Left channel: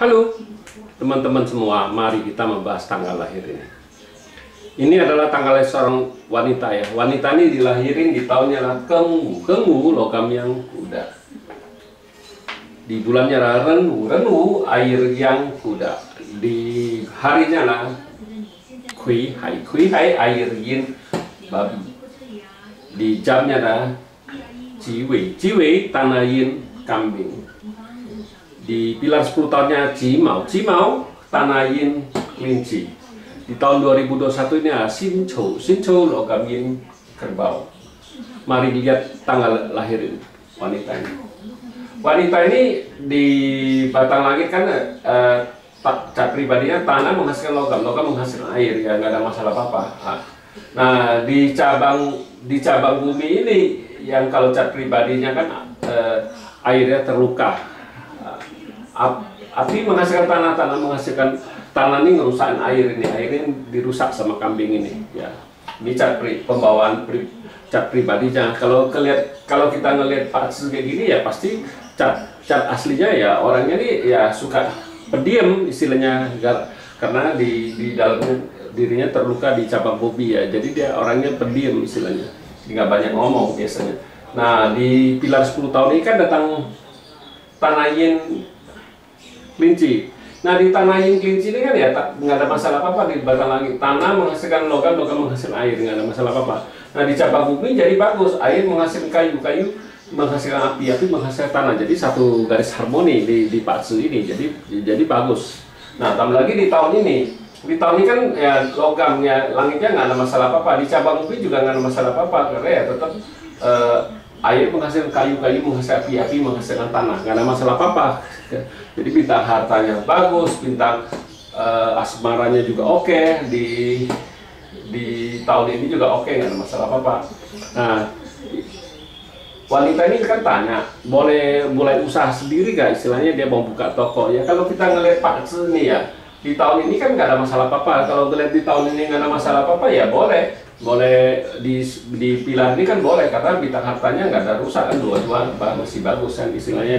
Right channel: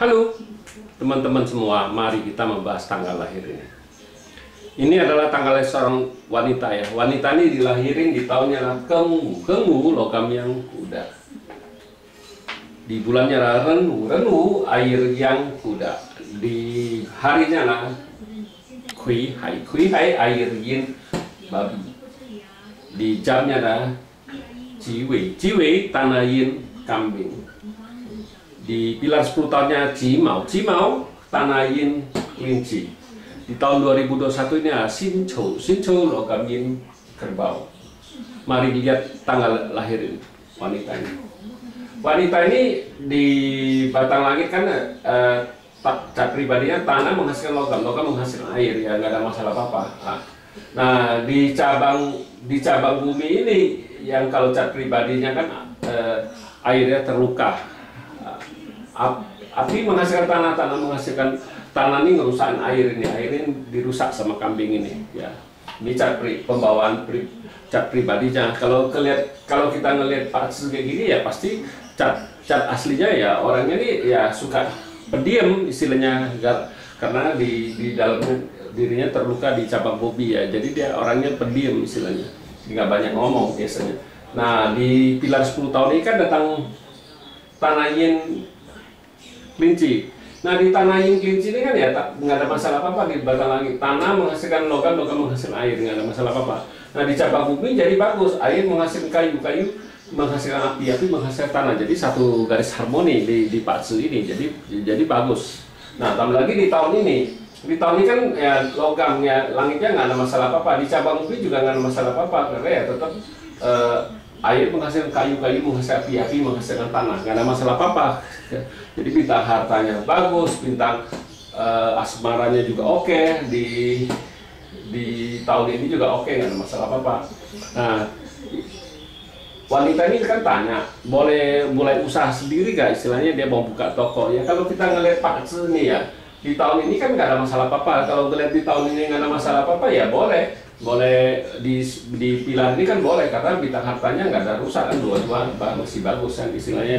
Halo teman-teman semua, mari kita membahas tanggal lahir ini. Ini adalah tanggal lahir seorang wanita ya. Wanita ini dilahirin di tahunnya adalah Kengu, logam yang kuda. Di bulannya adalah Renu, air yang kuda. Di harinya adalah Kui Hai, air yin, babi. Di jamnya adalah Jiwei, tanah yin, kambing. Di pilar 10 tahunnya Cimau, tanah yin, kelinci. Di tahun 2021 ini Sinchou, logam yin, kerbau. Mari dilihat tanggal lahir wanita ini. Wanita ini di batang langit kan cat pribadinya tanah menghasilkan logam menghasilkan air, ya nggak ada masalah apa-apa. Nah di cabang bumi ini yang kalau cat pribadinya kan airnya terluka. Api menghasilkan tanah menghasilkan tanah ini ngerusakin air ini dirusak sama kambing ini ya. Ini pembawaan cat pribadinya. Kalau kita ngelihat Pak kayak gini ya pasti cat aslinya ya orangnya ini ya suka pendiam istilahnya, karena di dalam dirinya terluka di cabang hobi ya. Jadi dia orangnya pendiam istilahnya, nggak banyak ngomong biasanya. Nah di pilar 10 tahun ini kan datang tanah yin kelinci. Nah di tanah yin kelinci ini kan ya nggak ada masalah apa-apa di batang langit. Tanah menghasilkan logam menghasilkan air, nggak ada masalah apa-apa. Nah di cabang bumi jadi bagus, air menghasilkan kayu menghasilkan api menghasilkan tanah. Jadi satu garis harmoni di Patsu ini. Jadi bagus. Nah tambah lagi di tahun ini. Di tahun ini kan ya logam ya langitnya nggak ada masalah apa-apa. Di cabang bumi juga nggak ada masalah apa-apa karena ya tetap air menghasilkan kayu menghasilkan api menghasilkan tanah, nggak ada masalah apa-apa. Jadi bintang hartanya bagus, bintang asmaranya juga oke. Di tahun ini juga oke, nggak ada masalah apa-apa. Nah wanita ini kan tanya, boleh mulai usaha sendiri gak? Istilahnya dia mau buka toko ya. Kalau kita ngelihat Pak Tzu nih ya, di tahun ini kan nggak ada masalah apa-apa. Kalau ngelihat di tahun ini nggak ada masalah apa-apa ya boleh di pilar ini kan boleh, karena bintang hartanya nggak ada rusak kan, dua masih bagus kan istilahnya.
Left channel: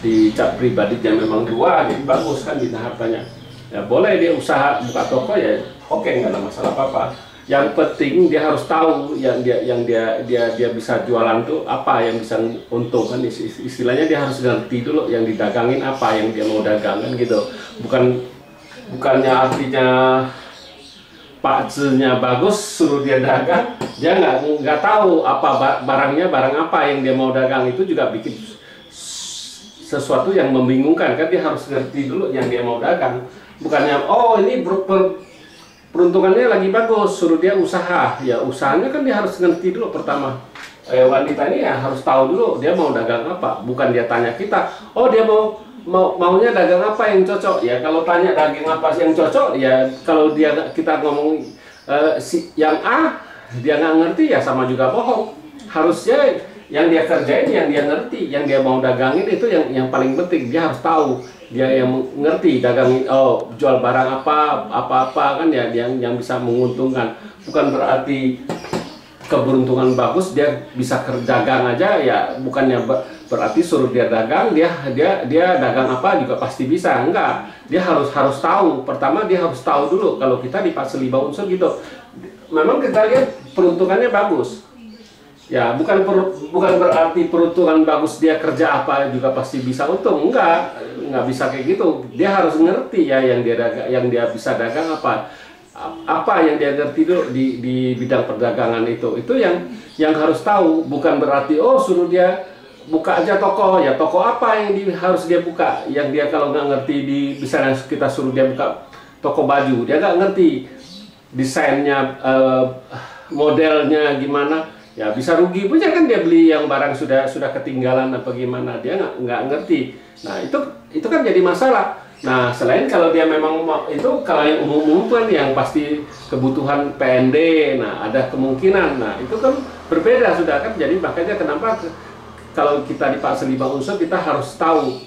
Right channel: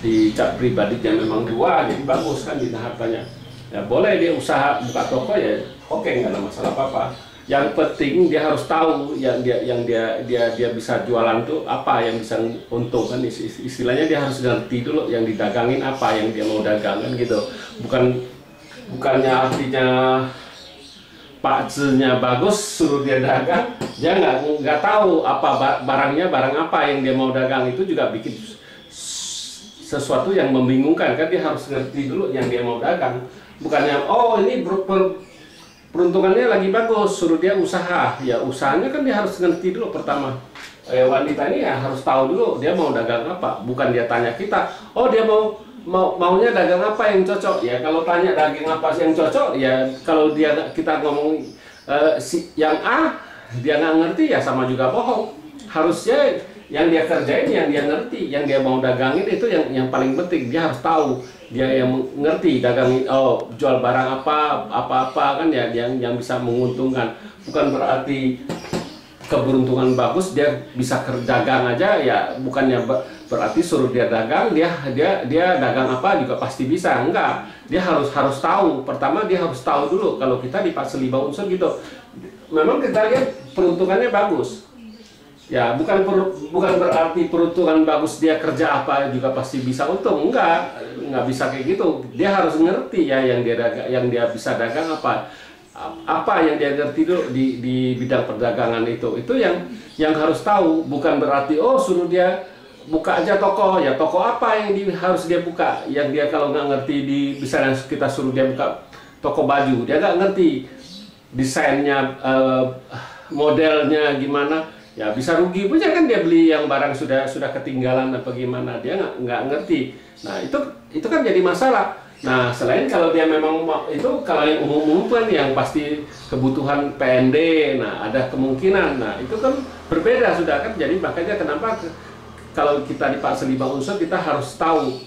Di cat pribadinya memang dua, jadi bagus kan bintang hartanya ya. Boleh dia usaha buka toko ya oke, nggak ada masalah apa-apa. Yang penting dia harus tahu yang dia bisa jualan tuh apa, yang bisa untung kan istilahnya. Dia harus ngerti dulu yang didagangin apa, yang dia mau dagangan gitu. Bukannya artinya Pak Tzu-nya bagus suruh dia dagang, dia nggak tahu apa barang apa yang dia mau dagang. Itu juga bikin sesuatu yang membingungkan kan. Dia harus ngerti dulu yang dia mau dagang. Bukannya oh ini peruntungannya lagi bagus suruh dia usaha, ya usahanya kan dia harus ngerti dulu pertama. Wanita ini ya harus tahu dulu dia mau dagang apa. Bukan dia tanya kita, oh dia maunya dagang apa yang cocok ya. Kalau tanya daging apa yang cocok ya, kalau kita ngomong yang A dia nggak ngerti ya sama juga bohong. Harusnya yang dia kerjain yang dia ngerti, yang dia mau dagangin itu yang paling penting. Dia harus tahu, dia yang ngerti dagangin, oh jual barang apa kan ya, yang bisa menguntungkan. Bukan berarti keberuntungan bagus dia bisa dagang aja ya, bukannya berarti suruh dia dagang dia dagang apa juga pasti bisa. Enggak, dia harus tahu. Pertama dia harus tahu dulu. Kalau kita di Patsu 5 unsur gitu, memang kita lihat peruntungannya bagus ya, bukan berarti peruntungan bagus dia kerja apa juga pasti bisa untung. Enggak bisa kayak gitu. Dia harus ngerti ya yang dia bisa dagang apa yang dia ngerti dulu di bidang perdagangan itu yang harus tahu. Bukan berarti oh suruh dia buka aja toko ya, toko apa yang harus dia buka, yang dia kalau nggak ngerti misalnya kita suruh dia buka toko baju, dia nggak ngerti desainnya, modelnya gimana ya, bisa rugi punya kan dia beli yang barang sudah ketinggalan apa gimana, dia nggak ngerti. Nah itu kan jadi masalah. Nah selain kalau dia memang itu, kalau yang umum kan yang pasti kebutuhan PND, nah ada kemungkinan, nah itu kan berbeda sudah kan. Jadi makanya kenapa kalau kita di Patsu 5 unsur kita harus tahu,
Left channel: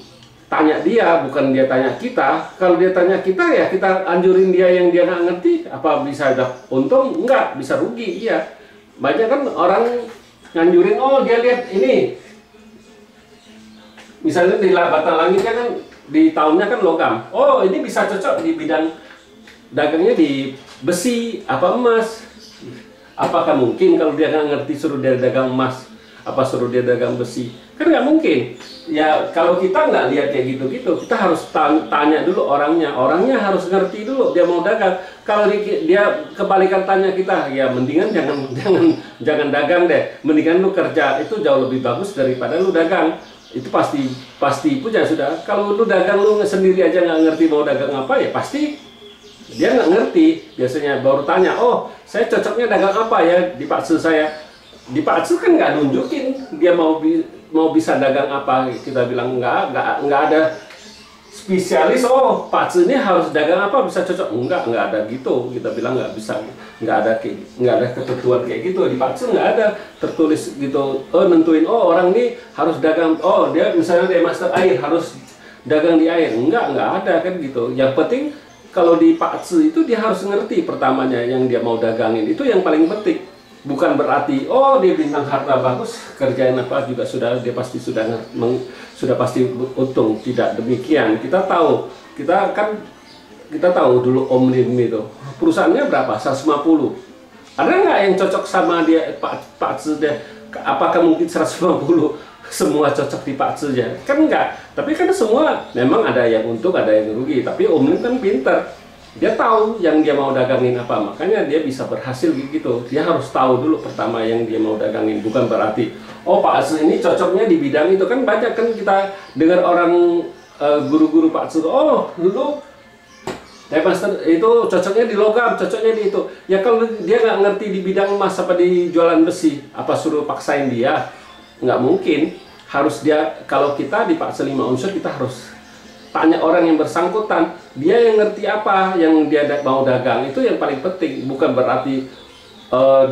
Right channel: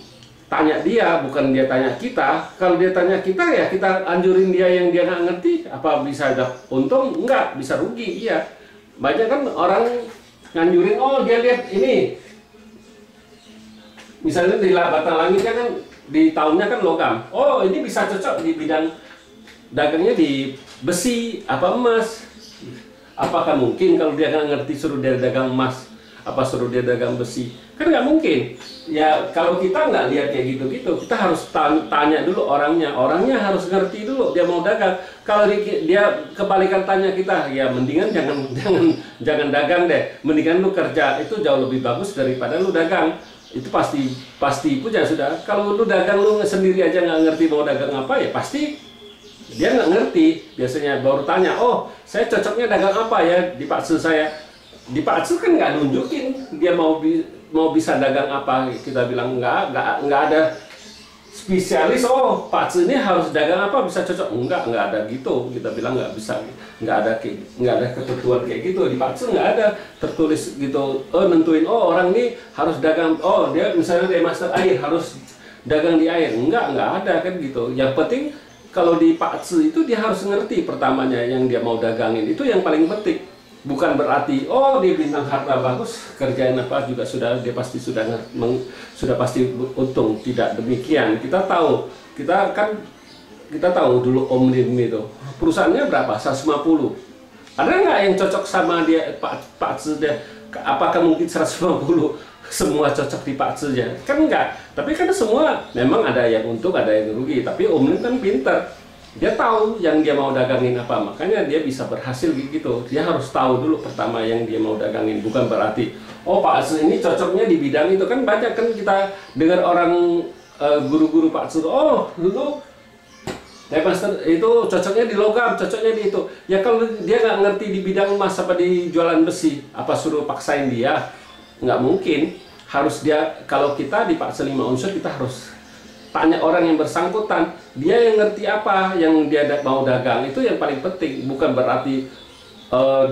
tanya dia, bukan dia tanya kita. Kalau dia tanya kita ya kita anjurin dia yang dia nggak ngerti, apa bisa ada untung? Enggak, bisa rugi. Iya, banyak kan orang nganjurin, oh dia lihat ini misalnya di batang langitnya kan di tahunnya kan logam. Oh, ini bisa cocok di bidang dagangnya di besi apa emas. Apakah mungkin kalau dia nggak ngerti suruh dia dagang emas, apa suruh dia dagang besi? Kan nggak mungkin. Ya kalau kita nggak lihat kayak gitu-gitu, kita harus tanya dulu orangnya. Orangnya harus ngerti dulu dia mau dagang. Kalau dia kebalikan tanya kita, ya mendingan jangan dagang deh. Mendingan lu kerja, itu jauh lebih bagus daripada lu dagang. Itu pasti punya sudah. Kalau lu dagang lu sendiri aja nggak ngerti mau dagang apa, ya pasti dia nggak ngerti. Biasanya baru tanya, oh saya cocoknya dagang apa ya di Pak Tse saya. Di Pak Tse kan nggak nunjukin dia mau bisa dagang apa. Kita bilang nggak ada spesialis. Oh Pak Tse ini harus dagang apa bisa cocok. Nggak ada gitu. Kita bilang nggak bisa. Nggak ada ketentuan kayak gitu. Di Pak Tse nggak ada tertulis gitu. Oh nentuin, oh orang ini harus dagang. Oh dia misalnya dia master air harus dagang di air. Nggak ada kan gitu. Yang penting kalau di Pak Tse itu dia harus ngerti pertamanya yang dia mau dagangin. Itu yang paling penting. Bukan berarti oh dia bintang harta bagus, kerjain apa juga dia pasti sudah pasti untung. Tidak demikian. Kita tahu dulu Omnim itu perusahaannya berapa? 150. Ada nggak yang cocok sama dia Pak Tse dia? Apakah mungkin 150 semua cocok di Pak Tse nya? Kan enggak. Tapi kan semua memang ada yang untung, ada yang rugi. Tapi Omnim kan pinter. Dia tahu yang dia mau dagangin apa. Makanya dia bisa berhasil gitu. Dia harus tahu dulu pertama yang dia mau dagangin. Bukan berarti, oh Pak Tse ini cocoknya di bidang itu. Kan banyak kan kita dengar orang guru-guru Pak Tse. Oh dulu master itu cocoknya di logam, cocoknya di itu. Ya kalau dia nggak ngerti di bidang emas apa di jualan besi, apa suruh paksain dia? Nggak mungkin. Harus dia, kalau kita di Pak Tse 5 unsur, kita harus tanya orang yang bersangkutan, dia yang ngerti apa yang dia mau dagang. Itu yang paling penting. Bukan berarti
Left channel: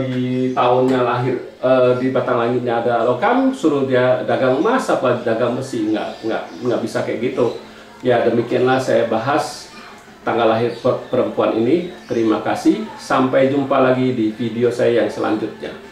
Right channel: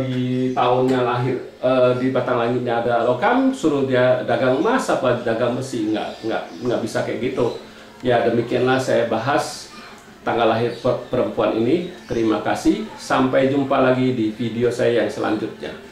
di tahunnya lahir di batang langitnya ada logam, suruh dia dagang emas apa dagang besi. Nggak bisa kayak gitu. Ya demikianlah saya bahas tanggal lahir perempuan ini. Terima kasih. Sampai jumpa lagi di video saya yang selanjutnya.